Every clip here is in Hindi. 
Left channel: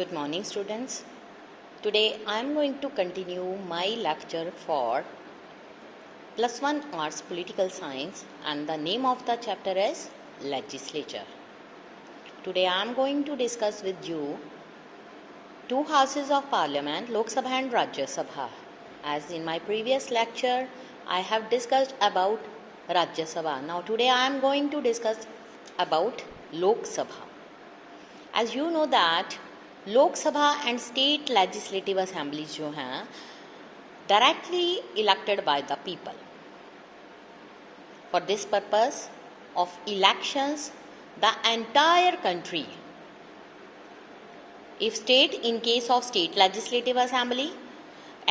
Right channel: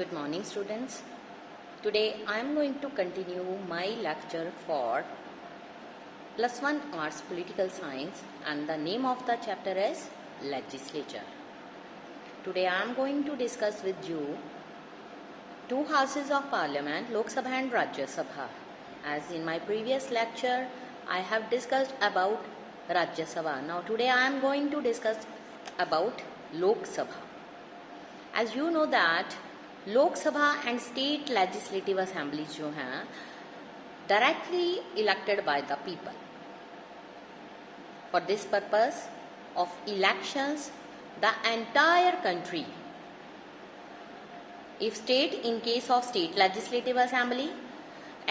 Good morning, students. Today I am going to continue my lecture for +1 Arts Political Science, and the name of the chapter is Legislature. Today I am going to discuss with you two houses of parliament, Lok Sabha and Rajya Sabha. As in my previous lecture I have discussed about Rajya Sabha. Now today I am going to discuss about Lok Sabha. As you know that लोक सभा एंड स्टेट लेजिस्लेटिव असेंबलीज जो हैं directly elected by the people. For this purpose of elections the entire country, if state, in case of state legislative assembly,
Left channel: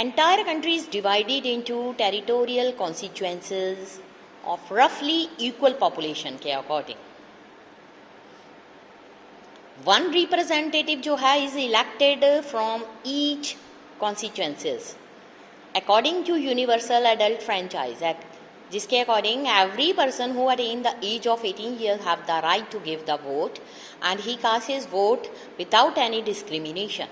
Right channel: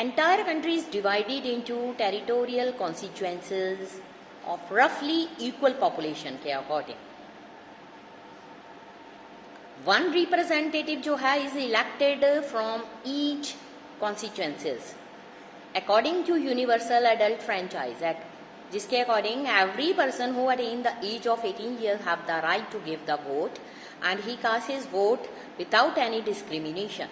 entire country is divided into territorial constituencies of roughly equal population के according. One representative जो है is elected from each constituencies according to universal adult franchise act, जिसके according every person who attain the age of 18 years have the right to give the vote and he casts his vote without any discrimination,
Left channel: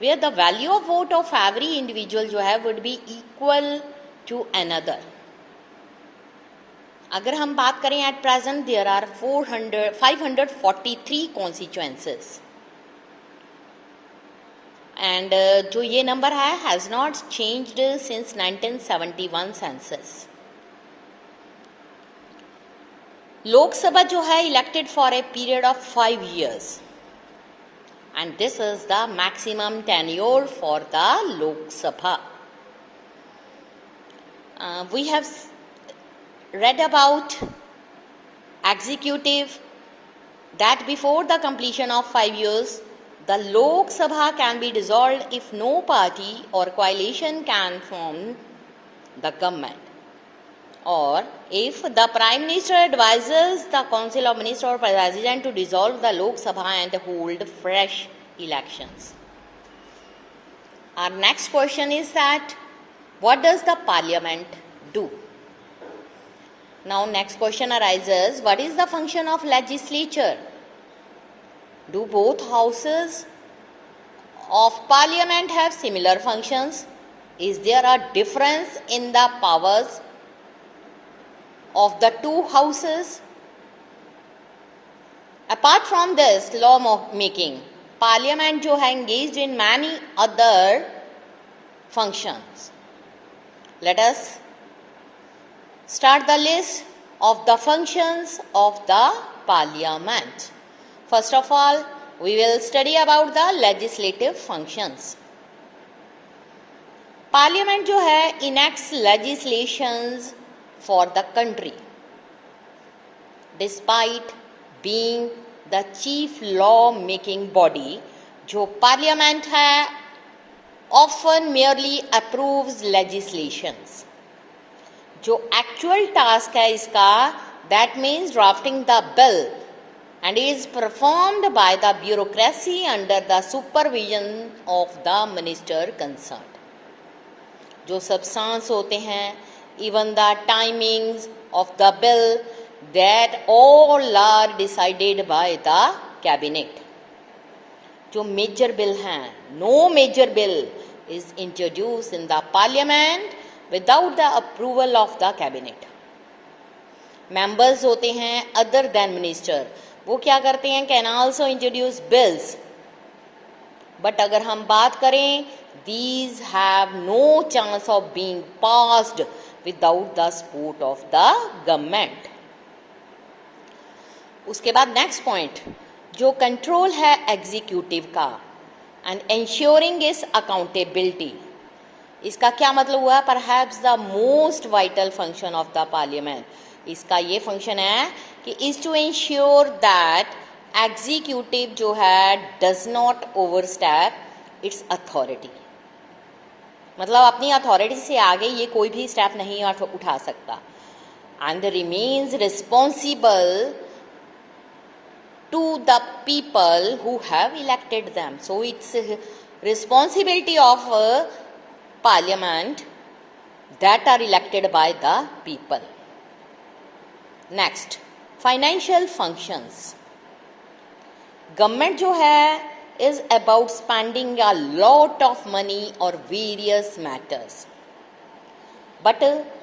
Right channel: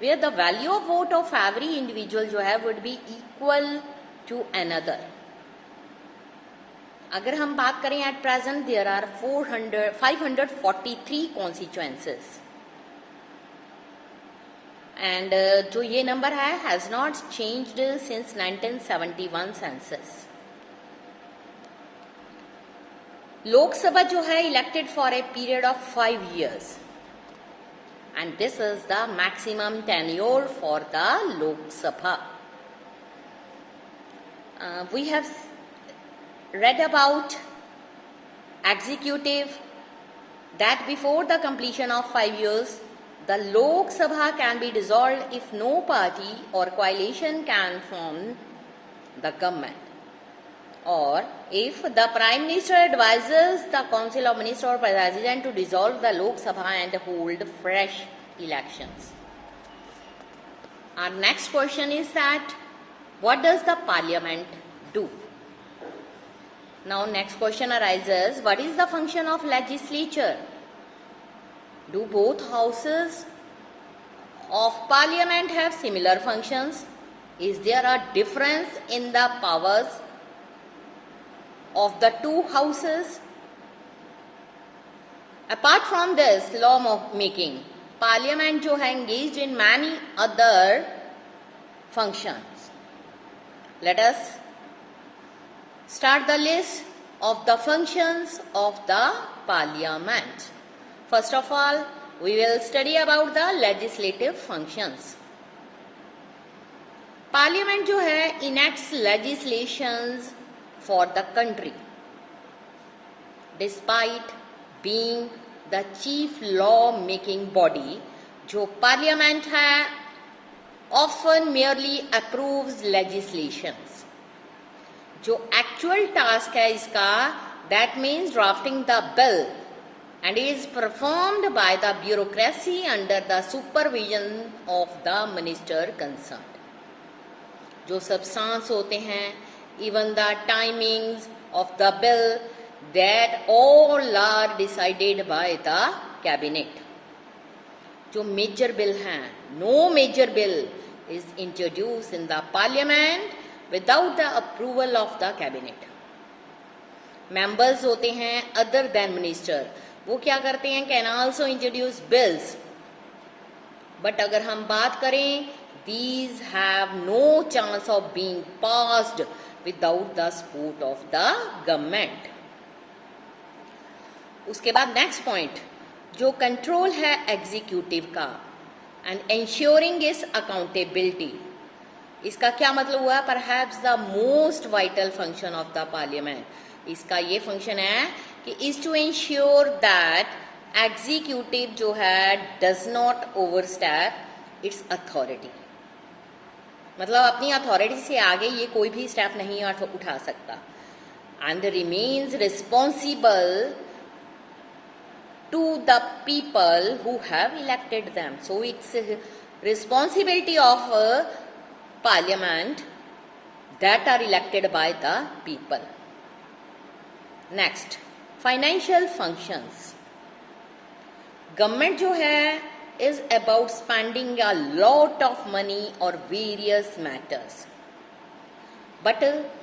where the value of vote of every individual जो है would be equal to another. अगर हम बात करें at present there are 543 constituencies and जो ये नंबर है has not changed since 1971 census. Lok Sabha जो है elected for a period of 5 years and this is the maximum tenure for the Lok Sabha. We have read about executive that before the completion of 5 years the Lok Sabha can be dissolved if no party or coalition can form the government, or if the Prime Minister advises the Council of Ministers or President to dissolve the Lok Sabha and hold fresh elections. Our next question is that what does the parliament do? Now next question arises, what is the function of legislature? Do both houses of parliament have similar functions? Is there a difference in the powers of the two houses? Apart from this law making, parliament जो है engaged in many other functions. Let us start the list of the functions of the parliament. First of all, we will study about the legislative functions. Parliament जो है enacts legislations for the country. Despite being the chief law making body, जो parliament है often merely approves legislations. जो एक्चुअल टास्क है इसका, that means drafting the bill and is performed by the bureaucracy under the supervision of the minister concern. जो सब्सटेंस होते हैं, even the timings of the bill, that all are decided by the cabinet. जो मेजर बिल हैं, no major bill is introduce in the parliament without the approval of the cabinet. Members होते हैं other than minister, वो क्या करते हैं, can also introduce bills. But अगर हम बात करें, these have no chance of being passed without the support of the government. उसके बाद next point, जो control है executive का and ensuring its accountability. इसका क्या मतलब हुआ? Perhaps the most vital function of the parliament. इसका ये फंक्शन है कि is to ensure that executive जो है does not overstep its authority. मतलब अपनी अथॉरिटी से आगे ये कोई भी स्टेप नहीं उठा सकता, and remains responsible to the people who have elected them. So it's responsibility of parliament that are elected by the people. Next, financial functions. Government जो है is about spending a lot of money और वेरियस मैटर्स, बट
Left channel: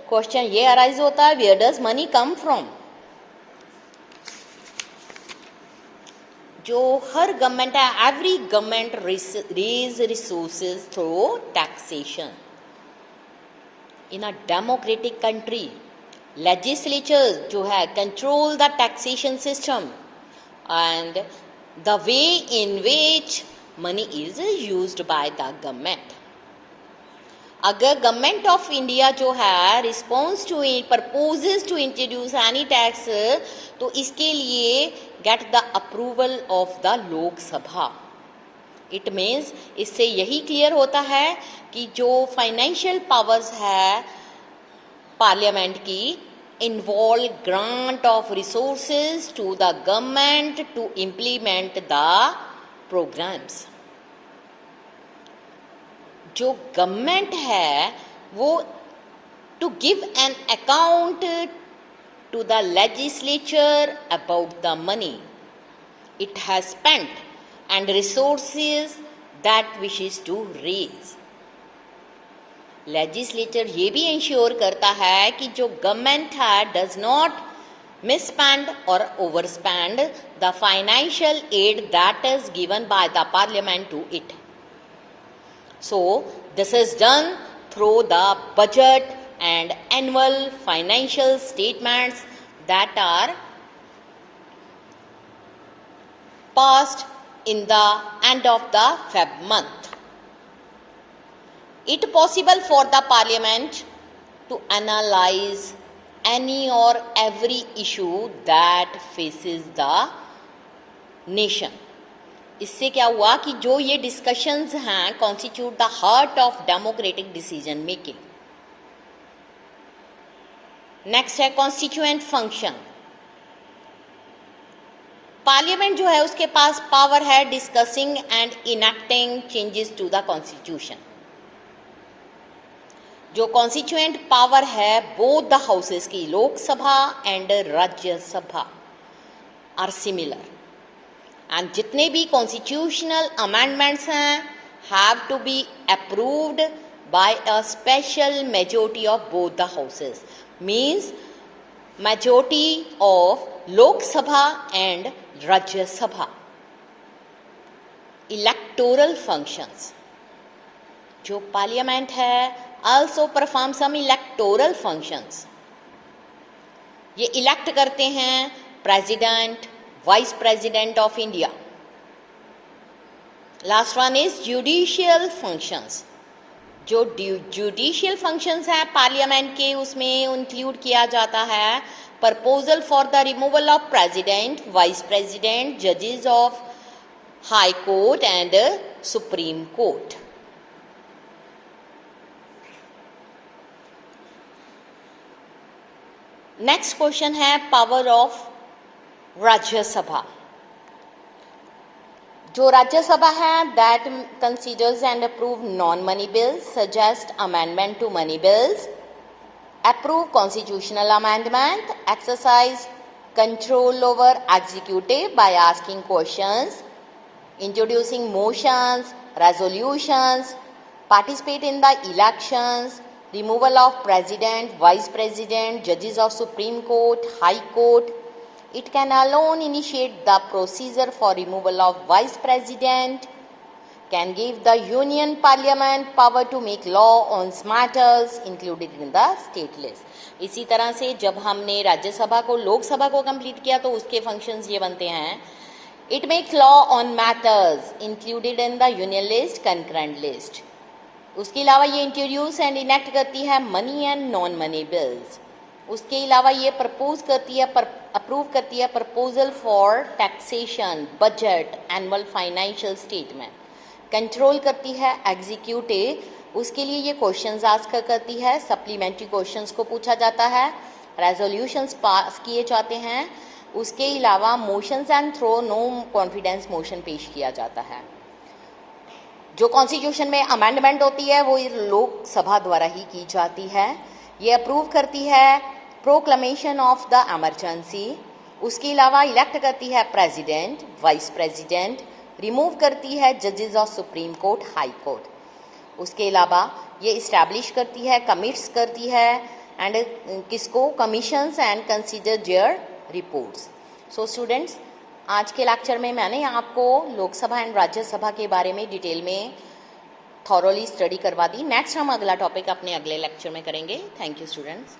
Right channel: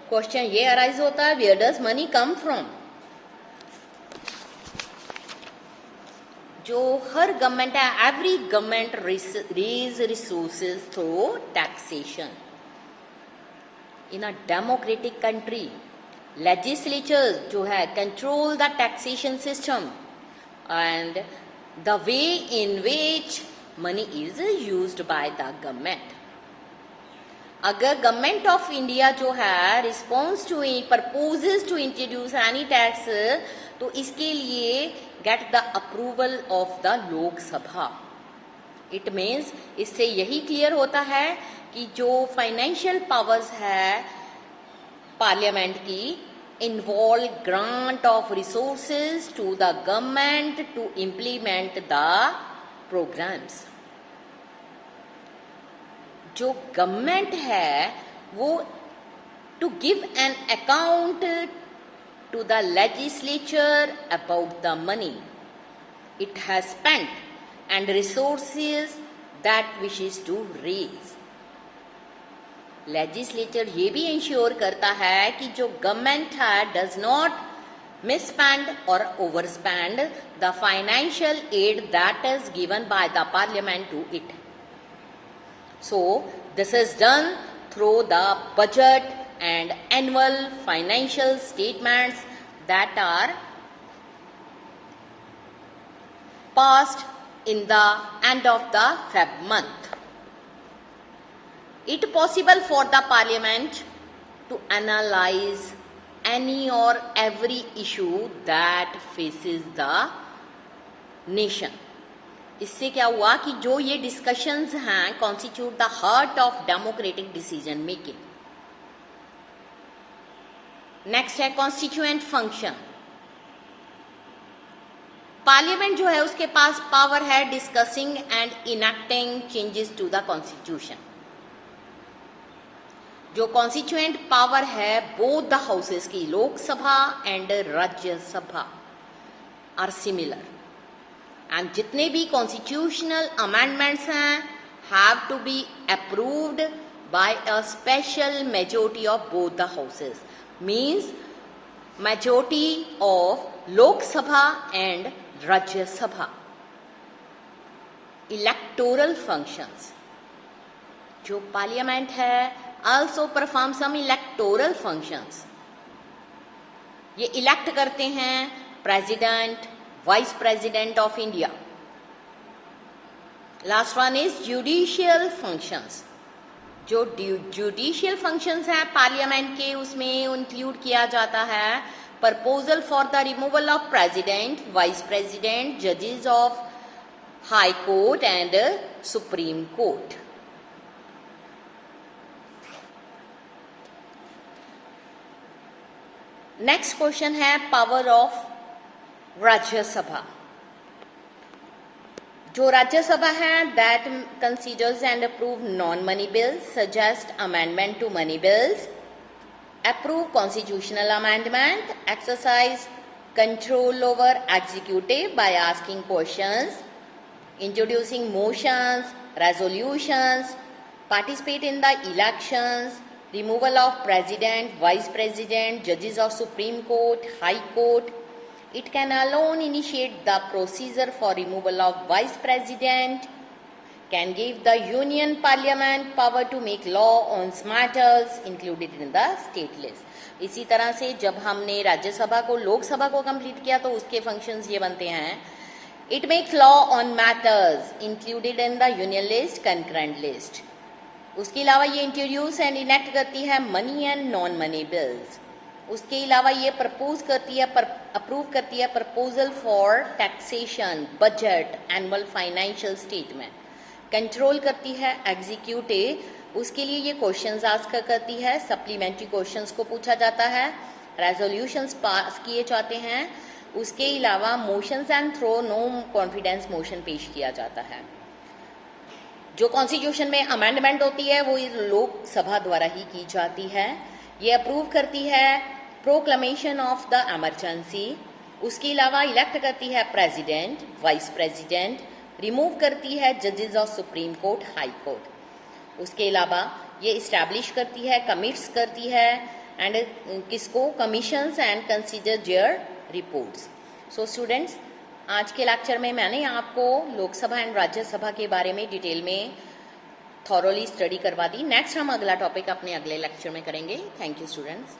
क्वेश्चन ये अराइज होता है, where does money come from? जो हर गवर्नमेंट है, every government raise resources through taxation. In a democratic country legislature जो है control the taxation system and the way in which money is used by the government. अगर गवर्नमेंट ऑफ इंडिया जो है response to proposes to introduce any tax, तो इसके लिए get the approval of the Lok Sabha. It means इससे यही क्लियर होता है कि जो फाइनेंशियल पावर्स है पार्लियामेंट की, involve grant of resources to the government to implement the programmes. जो गवर्नमेंट है वो to give an account to the legislature about the money it has spent and resources that wishes to raise. Legislature ये भी इंश्योर करता है कि जो गवर्नमेंट है डज नॉट मिसस्पेंड और overspend the financial aid that is given by the parliament to it. So this is done through the budget and annual financial statements that are passed in the end of the Feb month. It possible for the parliament to analyze any or every issue that faces the nation. इससे क्या हुआ कि जो ये डिस्कशंस हैं constitute the heart of democratic decision making. Next है कॉन्स्टिट्यूएंट फंक्शन. पार्लियामेंट जो है उसके पास पावर है discussing and enacting changes to the constitution. जो कॉन्स्टिट्यूएंट पावर है बोथ द हाउसेस की, Lok Sabha and Rajya Sabha, are similar. And जितने भी कॉन्स्टिट्यूशनल अमेंडमेंट्स हैं have to be approved by a special majority of both the houses. Means majority of Lok Sabha and Rajya Sabha. Electoral functions. जो पार्लियामेंट है also perform some electoral functions. ये इलेक्ट करते हैं president, vice president of India. Last one is judicial functions. जो जुडिशियल फंक्शंस है पार्लियामेंट के उसमें इंक्लूड किया जाता है proposal for the removal of president, vice president, judges of high court and supreme court. Next question है पावर ऑफ राज्यसभा. जो राज्यसभा है that considers and approve non money bills, suggest amendment to money bills, approve constitutional amendment, exercise control over executive by asking questions, introducing motions, resolutions, participate in the elections, removal of president, vice president, judges of Supreme Court, High Court. It can alone initiate the procedure for removal of vice president, can give the union parliament power to make law on matters included in the state list. इसी तरह से जब हमने राज्यसभा को लोकसभा को कंप्लीट किया तो उसके फंक्शंस ये बनते हैं. It makes law on matters included in the union list, concurrent list. उसके अलावा ये इंट्रोड्यूस एंड इनेक्ट करती है money and non money bills. उसके अलावा ये प्रपोज करती है अप्रूव करती है proposal for taxation, budget, annual financial statement. Control करती है एग्जीक्यूटिव, उसके लिए ये क्वेश्चंस आस्क करती है, सप्लीमेंट्री क्वेश्चंस को पूछा जाता है, रेजोल्यूशंस पास किए जाते हैं. उसके अलावा motions and through no confidence motion पेश किया जाता है. जो कॉन्स्टिट्यूशन में अमेंडमेंट होती है वो लोकसभा द्वारा ही की जाती है. ये अप्रूव करती है प्रोक्लेमेशन ऑफ द इमरजेंसी, उसके अलावा इलेक्ट करती है प्रेसिडेंट, वाइस प्रेसिडेंट, रिमूव करती है जजेस of supreme court, high court. उसके अलावा ये इस्टेब्लिश करती है, कमिट्स करती है एंड किसको, commissions and consider their reports. So students, आज के लेक्चर में मैंने आपको लोकसभा एंड राज्यसभा के बारे में डिटेल में थॉरोली स्टडी करवा दी। नेक्स्ट हम अगला टॉपिक अपने अगले लेक्चर में करेंगे। Thank you students.